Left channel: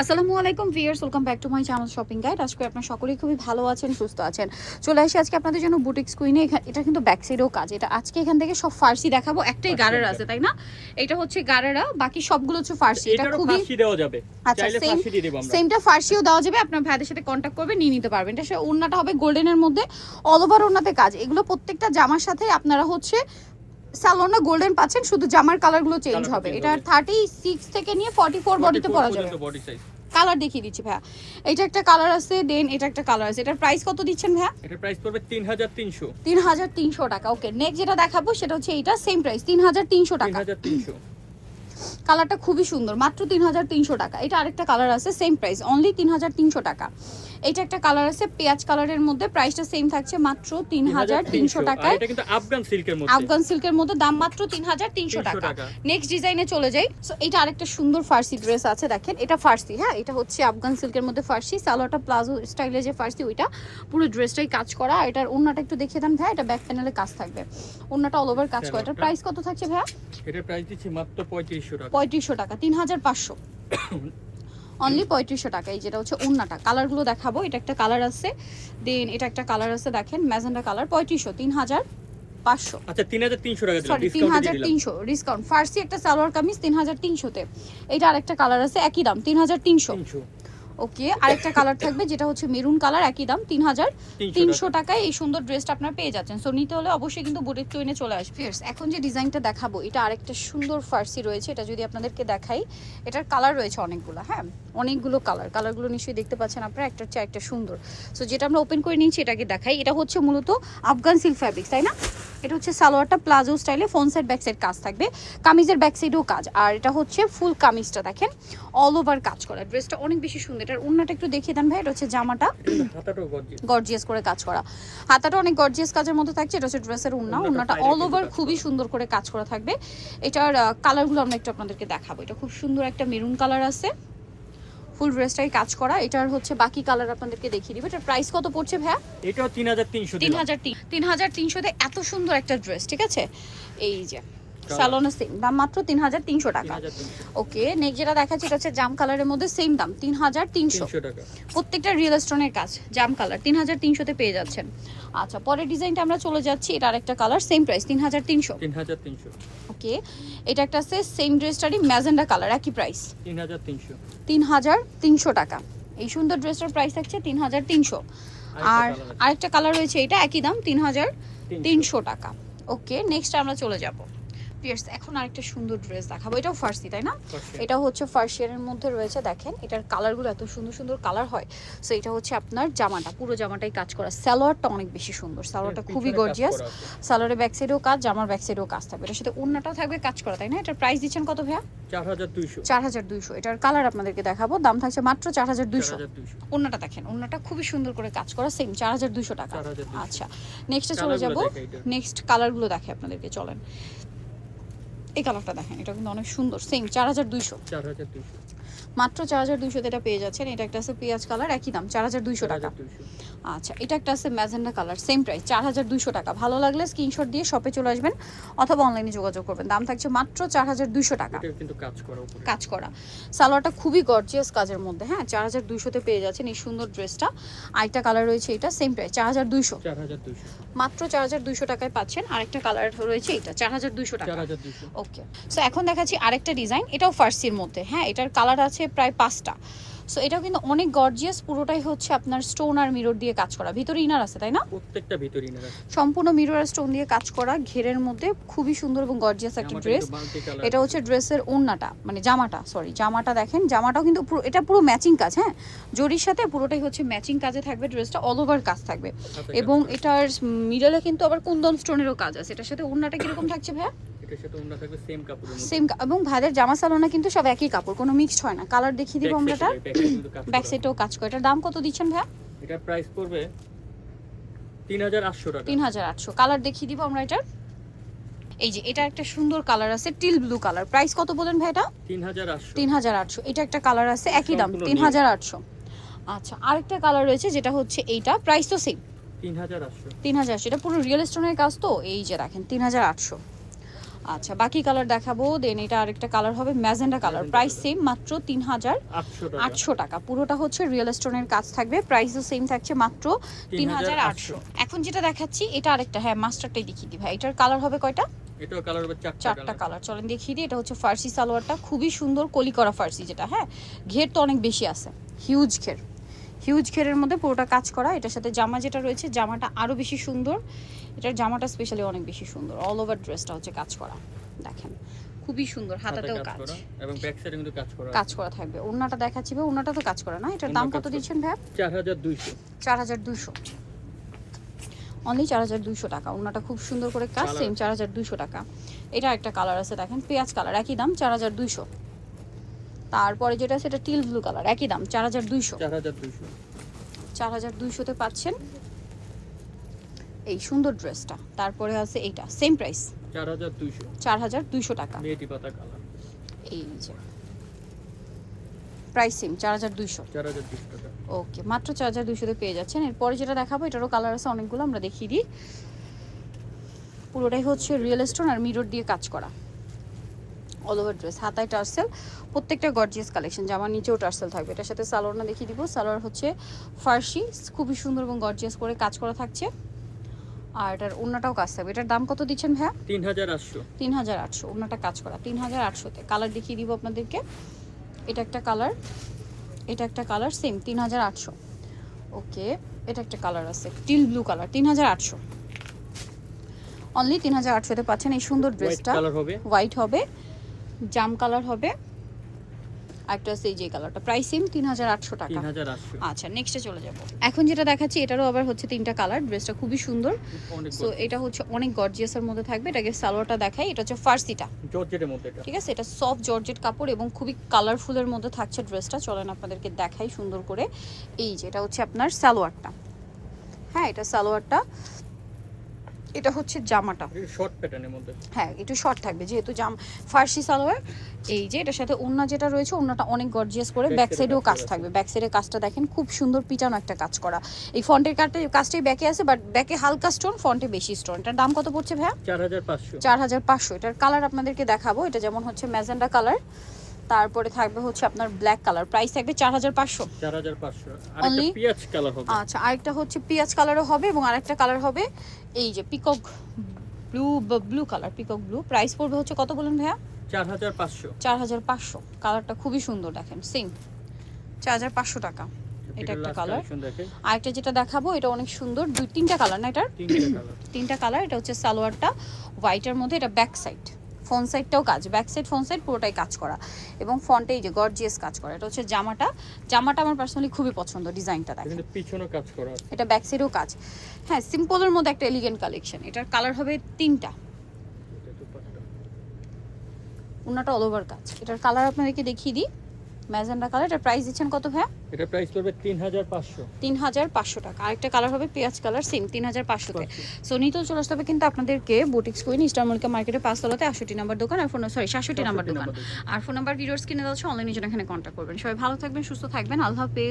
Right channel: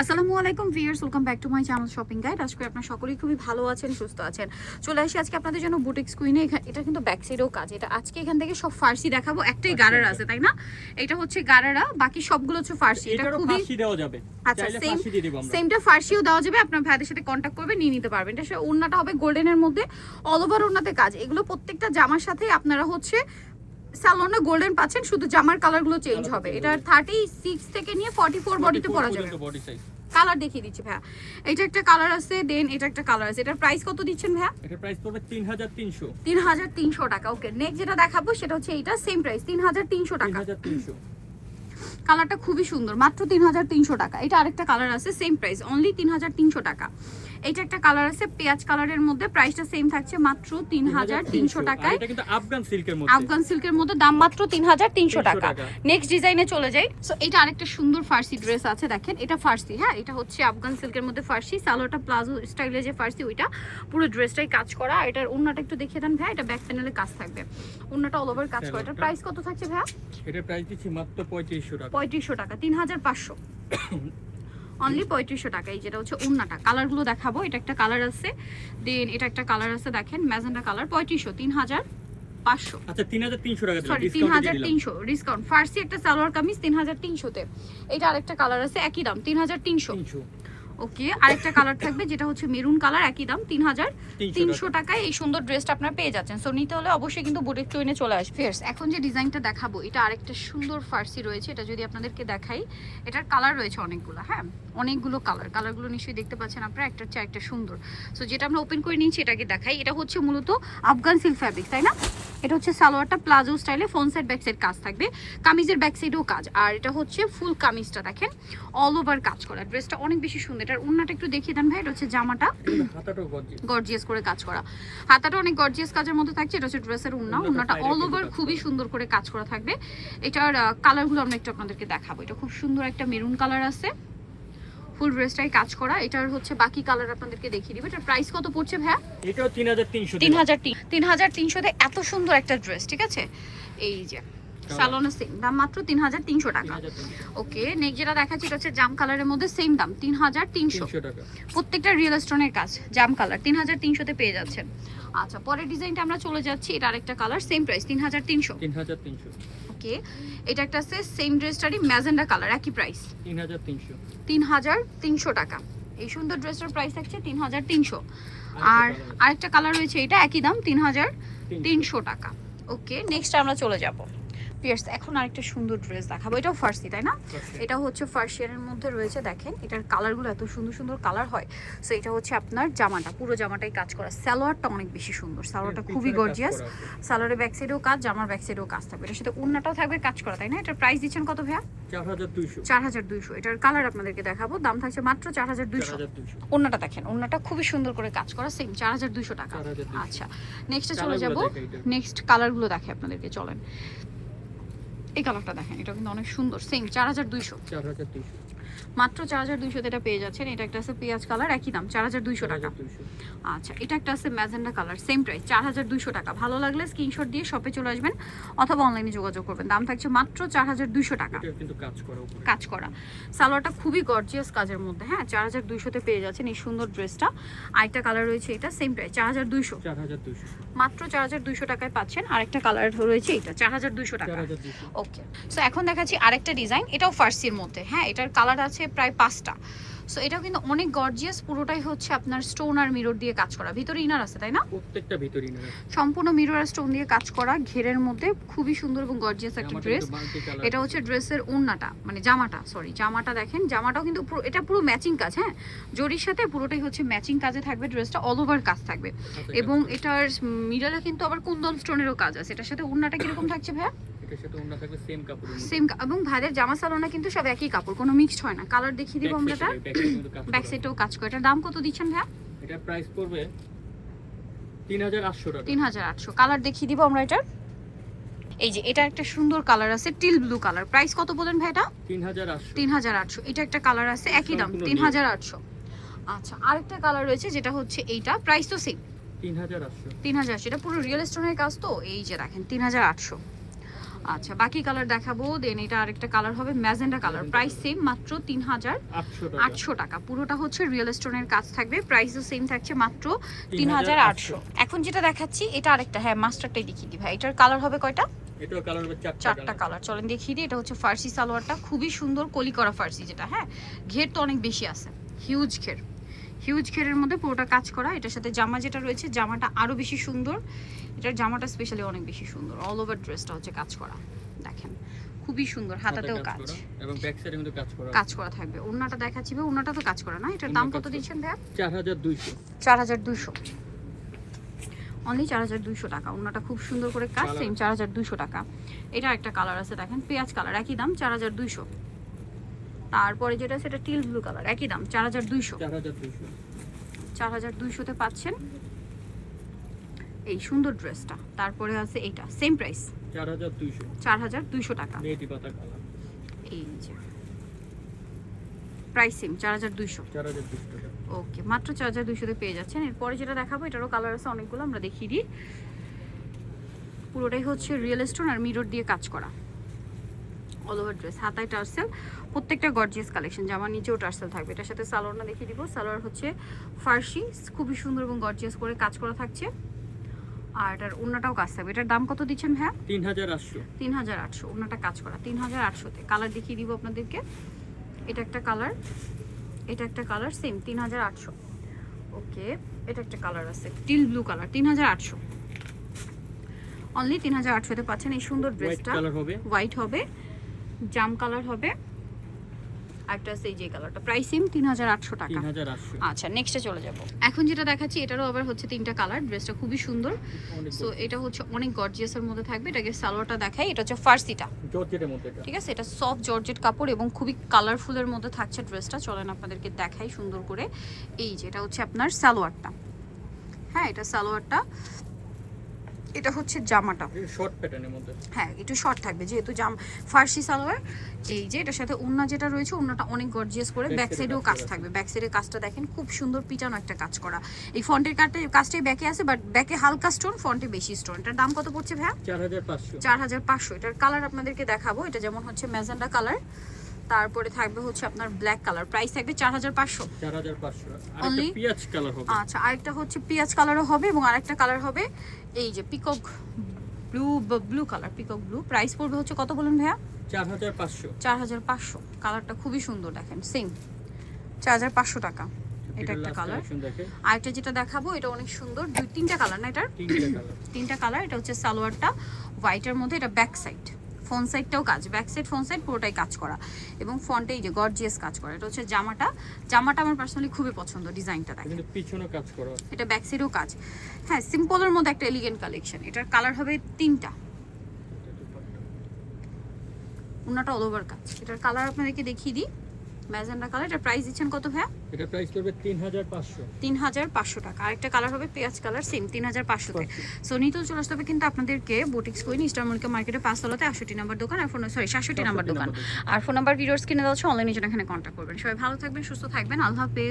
আসসালামু আলাইকুম viewers, welcome back to my channel shopping guide. আজকে আপনারা সকলেই খুবই ভালো আছেন, সুস্থ আছেন। চলে আসি আজকে আপনাদের জন্য বুটিক্স কুইনে। এটা কিন্তু ব্যাক সাইডেও কাজ। এটা আজকে এখান থেকে সব ফার্সি দেখাবো। একটাই গারারা আছে, তাই না? এটা হচ্ছে গারারা, বাকি সবগুলো হচ্ছে ফার্সি। এটা খুবই ফার্সি দেওয়া যাবে, চাইলে ফার্সি দিয়ে দেব আমরা। সেমটা ফার্সিও দেওয়া যাবে, আপনার ভাইদের সাথে কন্টাক্ট করবে, নিয়ে নিতে পারবেন। এটা ওড়নাটা হবে গোল্ডেনের মধ্যে, অল ওভার ওড়নাতে কাজ। এগুলো প্রত্যেকটা জামার সাথে আপনারা হচ্ছে সালোনা গোল্ডেন পাচ্ছেন, শুধু জামার কালারগুলো চেঞ্জ হবে। এটা 36 থেকে নিয়ে 44 বডিতে পরা যাবে। বডি সাইজ কালার দেখিয়ে দিচ্ছি ভাইয়া। এটা একটা কালার আছে, দেন এটা একটা কালার আছে। এটার প্রাইস কত দিচ্ছেন ভাইয়া? এটার প্রাইস পড়বে 3300 3300 টাকা। ওকে, নেক্সট যেটা দেখাবো সেটা হচ্ছে এটা, সেম প্রাইস 3300 টাকা। 3300। কালারটা খুবই সুন্দর, মাত্র 3300 টাকা। এটা আরেকটা কালার আছে, সেম প্রাইস অনলি 3300 টাকা। এটা একটা কালার আছে পেঁয়াজ কালারের মধ্যে, প্রাইসটা সেম থাকছে মাত্র 3300 টাকায়। এটা কিন্তু আফগান সিল্কের মধ্যে, আফগান সিল্কের মধ্যে দাম মাত্র 3300 টাকা। নেক্সট ডিজাইনে চলে যাই। সো এটা আরেকটা সুন্দর ফার্সি ড্রেস আছে, দেখেন এটা ফার্সি। হ্যাঁ, এটা হচ্ছে আফগান সিল্কের মধ্যে ফার্সি, সালোয়ারটা প্লাজো স্টাইলে যে ফার্সি ওইটা, পুরো ড্রেসটাই কাজ করা। এটার ওন্নাটা একটু দেখিয়ে দেন ভাই। এটা ব্যাক প্যানেলে কাজ থাকবে, ওন্নাটা অল ওভার কাজ করা। এটার প্রাইস কত থাকছে ভাইয়া? এটার প্রাইস দিচ্ছি মাত্র 3500 টাকা। 3500 টাকা, 3500 অনলি 3500 টাকা। এই যেটা হচ্ছে ওন্নাটা, কালারগুলো দেখাবো। এটা একটা কালার আছে, দেন এটা একটা কালার আছে, দেখেন ম্যাজেন্ডা কালার। 3500, 3500। আচ্ছা 3300 টাকা দিলাম, সরি 3300 ডিসকাউন্ট। ফার্সি একটা সালোয়ার কামিজ 3300 তে। এটা আরেকটা কালার আছে, একই দাম 3300। ওকে, আরেকটা কালার থাকবে যেটা হচ্ছে মেরুন কালার, একই দাম 3300 টাকায় এই সুন্দর ড্রেসটা আপনারা পেয়ে যাচ্ছেন। সো নিতে হলে অবশ্যই কিন্তু বুটিক টুইনে চলে আসবে। ফিয়ার্স, এখন যে ডিজাইনটা দেখাবো এটা আরেকটা সুন্দর ফার্সি রয়েছে। এটা যদি আপনাদেরকে দেখাই, এটার কালার রয়েছে অনেকগুলো। হ্যাঁ, অনেকগুলো কালার, কালারগুলো নিশ্চয়ই দেখতে পাচ্ছেন আপনারা, একটার চেয়ে একটা সুন্দর। সো যেটা আমরা ওপেন করে নিচ্ছি এটাকে দেখাই। এটা হচ্ছে মূলত আফগান সিল্ক ফ্যাব্রিক, তাই না? এটা হচ্ছে সালোয়ারটা প্লাজো স্টাইলে, ফ্রন্ট সাইড ব্যাক সাইড কাজ থাকবে, কামিজের ব্যাক সাইডেও কাজ। আর এটা হচ্ছে ফুল কামিজটা দেখেন অল ওভার কাজ করা। ড্রেসটা অনেক বেশি সুন্দর। এটার ওন্নাটা একটু দেখিয়ে দেন ভাই। এটা হচ্ছে জামাটা গর্জিয়াস করে কাজ করা, হাতাটা অনেক গর্জিয়াস কাজের মধ্যে থাকছে। এটা হচ্ছে ড্রেসের ওন্না, ওন্নাটা অল ওভার খুবই সুন্দর করে কাজ করা থাকবে। এটার কালারগুলো আমরা একটু আপনাদেরকে দেখাবো। এটা খুব সুন্দর একটা মেরুন কালার আছে, ফুল ড্রেসটাই কাজ করা। এটার হচ্ছে বাকি কালার আপনাদেরকে দেখিয়ে দিব। এটার প্রাইস কত পড়ছে ভাইয়া? এটাও 3300। 3300 তে এত সুন্দর একটা ড্রেস, ঠিক আছে? এই যে সালোনা সেম দাম মাত্র 3300 টাকা। ওকে, নেক্সট যেটা দেখাচ্ছি এটা হচ্ছে জাম কালারের মধ্যে, সেম দাম 3300 টাকা। প্রত্যেকটা রিয়েল স্টোনের কাজ, জাম কালার 3300 তে পেয়ে যাচ্ছেন। আচ্ছা, পরের ডিজাইনটা আমরা চলে যাচ্ছি। এটা আরেকটা কালার, সেম প্রাইস 3300। ওকে, এটা একটা আছে সেম ড্রেসটারই ম্যাজেন্ডা কালার, একই প্রাইস 3300 টাকা। এই সুন্দর ড্রেসটার প্রাইস থাকছে 3300। আর আরেকটা কালার রয়েছে, এটা একই দাম 3300 টাকা। ওকে, নেক্সট আমরা চলে যাব। এখন আরেকটা সুন্দর ড্রেস দেখাবো। এটাও ফার্সি, তাই না? এটা হচ্ছে ফার্সিয়ারের মধ্যে রয়েছে, দেখেন এটার কালারগুলো এত সুন্দর সুন্দর কালার হয়। সো এটা হচ্ছে আপনার জামাটা, পুরো জামাটাই কাজ করা। সালোয়ারটা অনেক বেশি সুন্দর, সালোয়ারটা খুবই গর্জিয়াস। সালোয়ারের ব্যাক সাইডেও কাজ, জামার ব্যাক সাইডেও কাজ থাকবে। এটার সাথে ওন্নাটাও থাকবে কাজ করা, তাই না? এটার প্রাইস দিচ্ছেন কত ভাইয়া? 4200। এটার কালার আপনাদেরকে দেখাবো, দাম থাকছে মাত্র 4200। ওন্নাটা দেখেন, ওন্নাটা খুবই সুন্দর করে কাজ করা, সেম 4200 টাকা। আচ্ছা, নেক্সটে চলে যাব। নেক্সট কালারগুলো দেখে আপনাদেরকে, চলেন। এই কালারটা দেখেন, এটা কিন্তু অনেক সুন্দর, সেম 4200। মাত্র 4200 তে এটা পেয়ে যাচ্ছেন। এটা একটা আছে পেঁয়াজ কালার, একই দাম 4200 টাকা। আচ্ছা, এটা একটা আছে ম্যাজেন্ডা কালার, সেম প্রাইস 4200 টাকা। ভালো লাগলে স্ক্রিনশট দিয়ে শপে চলে আসবেন অথবা অনলাইনে যোগাযোগ করবেন। দাম থাকছে মাত্র 4200 টাকা। এটা কিন্তু কাজ করা সালোয়ারটা খুবই গর্জিয়াস কাজের মধ্যে। হ্যাঁ, 4200 তে পেয়ে যাচ্ছেন এই সুন্দর ড্রেসটা। আরেকটা কালার রয়েছে, এটা সেম প্রাইস 4200। মাত্র 4200 টাকায় পাচ্ছেন। আরেকটা কালার রয়েছে, এটা 4200 টাকা। ওকে, সো এখন দেখাচ্ছি আরেকটা ডিজাইন, এটাও ফার্সির মধ্যে। হ্যাঁ, এটার কালার আছে প্রায় 5টা। সো এটাও কিন্তু অনেক গর্জিয়াস, পুরোটাই হচ্ছে আপনার স্টোন আর মিরর দিয়ে কাজ করা। ভিতরে ইনার আছে, তাই না? প্রত্যেকটা ভিতরে ইনার আছে, সম্পূর্ণ মিরর আর স্টোন দিয়ে কাজ করা, ঘেরের মধ্যে খুবই সুন্দর এবং গর্জিয়াস একটা ড্রেস। এটা হচ্ছে ড্রেসের ওড়নাটা, মানে জামাটা, সরি জামাটা দেখেন, জামাটাও কিন্তু পুরো, এটা পুরো ম্যাচিং কাজ। হ্যাঁ, জরির সাথে পুরোটাই হচ্ছে ম্যাচিং কাজে থাকবে। ড্রেসটা অল ওভার কাজ থাকবে এবং এটার মিডলে কিন্তু আবার কুন্দন স্টোনেরও কাজ আছে। এটার সাথে ওড়নাটা কিরকম থাকছে ভাইয়া? সেম, এবং ভাইদের জামা সালোনা কিন্তু সব একই কাপড়, কোনো মিক্সড হয় না। কালার দেখিয়ে দিব আমরা, এটা ব্যাক সাইডেও কাজ করে। এটার দাম কত দিচ্ছেন ভাইয়া? এটার প্রাইস পড়বে 3800 টাকা। 3800। কালার দেখিয়ে দিব আমরা এটার। এই যে এটা একটা সুন্দর কালার আছে, টিল ব্লু কালার। প্রাইস কত বলেন ভাই? এটা 3800। এটা একটা কালার আছে, একই দাম 3800। আচ্ছা, আরেকটা কালার রয়েছে যেটা হচ্ছে এইটা, প্রাইস তো সেম 3800। এটা পুরো রিয়েল স্টোনের কাজ তো, এই যে দেখেন 3800। আচ্ছা বাকি কালার দেখাবো, দেন এটা আরেকটা কালার হবে ম্যাজেন্ডা কালার, প্রাইস সেম মাত্র 800 টাকা। পুরোটা হচ্ছে রিয়েল স্টোনের কাজ থাকবে, প্রাইসও সেম থাকছে মাত্র 3800। এখন যেটা দেখাচ্ছি এটা আরেকটা, হ্যাঁ মাস্টারটাই দেখিয়ে দিই ভাই। এটার কালার হবে কয়টা? এটাও কালার হবে চারটা কালার। চলেন দেখিয়ে দিই। এটা হচ্ছে ফার্সি সালোয়ারটা, খুবই সুন্দর কলি করা ফার্সি যেটা, হ্যাঁ ঘের তো অনেক বেশি আছে, হিউজ ঘেরের মধ্যে পুরোটা কাজ করা। এটার সাথে জামা যেটা রয়েছে, জামাটা আরো বেশি সুন্দর, এটার জামাটা স্পেশালি অনেক বেশি সুন্দর। অল ওভার ড্রেসটা হচ্ছে কাজ করা, দেখেন খুবই সুন্দর, হাতাতেও কাজ এবং ব্যাক সাইডে কিন্তু কাজ করা থাকবে। ওন্নাটা দেখাচ্ছি ভাই, ওন্নাটা তো কাজ করা না। এটার দাম কত দিচ্ছেন ভাই? 4200 অনলি 4200 টাকা। ওন্নাটা খুব সুন্দর করে কাজ, সেম 4200 টাকা। এটা একটা কালার আছে দেখেন, পেঁয়াজ কালার, একই দাম 4200। তারপরে যেটা আছে এটা টিল ব্লু কালার, একই দাম 4200 তে পাচ্ছেন এই সুন্দর ড্রেসটা। তারপরে আছে এইটা সেম প্রাইস 4200 টাকা। মেহেদি পাতা কালার, এই যে প্রাইস সেম 4200 টাকা। ওকে, মাত্র 4200 তে পেয়ে যাচ্ছেন। এরপরে যেটা দেখাবো এটারও কালার আছে অনেকগুলো, আমরা দেখিয়ে দিই। পুরোটাই হচ্ছে রিয়েল স্টোন আর মিরর দিয়ে কাজ করা, অল ওভার ড্রেস, হাতায় টার্সেল, প্রত্যেকটা গর্জিয়াস কালেকশন। জামার নিচেও টার্সেল থাকবে। এটার সাথে সালোয়ারটা দেখিয়ে দিব। সালোয়ার হচ্ছে ফার্সি, খুবই সুন্দর এবং গর্জিয়াস করে কাজ করা থাকছে। আর এটার ওন্নাটাও কাজ থাকবে। এটার দাম কত দিচ্ছেন ভাইয়া? 3800। ওন্নাটা কাজ করা 3800 তে। কালার দেখিয়ে দিব আপনাদেরকে। এটা একটা কালার সেম 3800। ওকে, এটা একটা কালার আছে টিল ব্লু কালার 3800। অনলি 3800 তে পাচ্ছেন এই সুন্দর ড্রেসটা। হোয়াইট হবে, জাম কালার হবে, একটা আছে এই যে কালারটা, প্রাইস সেম 3800 টাকা। আচ্ছা নেক্সটে চলে যাব। এখন যেটা দেখাচ্ছি এটারও আবার হচ্ছে তিনটা কালার। ড্রেসটা খুবই সুন্দর, সো এটা হচ্ছে অনেক গর্জিয়াসের মধ্যে থাকবে। এটাকে সালোয়ারটা দেখাই, এটা হচ্ছে ফার্সিটা জর্জেটের মধ্যে, ঠিক আছে। এটা সফট জর্জেট কাপড় এবং খুবই কালারফুলের মধ্যে থাকছে ড্রেসটা। চলেন আপনাদেরকে দেখাই সুন্দর করে। এই যে এটা হচ্ছে আপনার সালোয়ারটা, হ্যাঁ এটা সালোয়ারটা, এটা হচ্ছে জামাটা শর্ট প্যাটার্নের মধ্যে, হ্যাঁ একটু শর্ট থাকবে যেহেতু ফার্সি সালোয়ার। এই যে এটার সাথে ওন্না যেটা রয়েছে, ওন্নাটা অনেক গর্জিয়াস করে, ব্যাক সাইডেও কাজ থাকবে। ব্যাক সাইডের কাজটা দেখেন খুব সুন্দর, পিটানো একটা কাজ করা। এই ফন্টের কাজটাই ব্যাকে আছে, বাট ব্যাকে হালকা স্টোন, ফন্টে বেশি স্টোন। এটার দাম কত পড়ছে ভাইয়া? 4500। এটার কালার আপনাদেরকে দেখাবো। এটা যেমন হচ্ছে ম্যাজেন্ডা কালার, তারপরে থাকবে হচ্ছে আপনার ব্ল্যাক কালার, প্রাইস থাকবে 4500। আরেকটা পিয়াজ কালার হবে। আচ্ছা আরেকটা হচ্ছে পিয়াজ কালারও হবে এবং আরেকটা কালার হবে এই যে peacock blue colour, peacock blue. Price পড়বে হচ্ছে কত বলেন ভাইয়া? 4500। কালারটা খুবই সুন্দর দেখেন, সেম 4500 টাকা। এটা একটা কালার। আরেকটা যেটা দেখাবো এটা অনেক সুন্দর, তিনটা কালার না এটার? তিনটা কালার। এটা হচ্ছে সালোয়ারটা হোয়াইটের মধ্যে, এটা ব্যাক সাইড, ফ্রন্ট সাইডটাও কাজ, ব্যাক সাইড ফ্রন্ট সাইড পুরোটাই কাজ করা এবং ফন্টে এই যে গর্জিয়াস কাজ করা। এটা হচ্ছে জামাটা আমার পার্সোনালি খুবই পছন্দ, ডিজাইনটা দেখেন, পিছনে কাজ করা, এটা ব্যাক সাইডেও কাজ। হ্যাঁ সিম্পলের মধ্যে একটা এলিগেন্ট কালেকশন। এটার কালার হবে তিনটা, ওন্নাটা অল ওভার কাজ। এটার কালার আপনাদেরকে দেখিয়ে দিই, ম্যাজেন্ডা কালার। এটার প্রাইস দিচ্ছেন কত ভাইয়া? এটা প্রাইস পড়বে 3500 টাকা। আরেকটা কালার হবে পেঁয়াজ কালার, সেম 3500 তে। সো নিতেও চলে আসতে হবে কিন্তু আপনাদেরকে বুটিক্স কুইন স্টার মল্লিকা মার্কেটে 5 তলাতে 68 নাম্বার দোকান, আর 67 নাম্বার দোকান। আর ফোন নাম্বার ভিডিওর স্ক্রিনে দেওয়া আছে, অনলাইনে জন্য এখানে কন্ট্যাক্ট করবেন। সবাই ভালো থাকবেন, সুস্থ থাকবেন, আল্লাহ হাফেজ।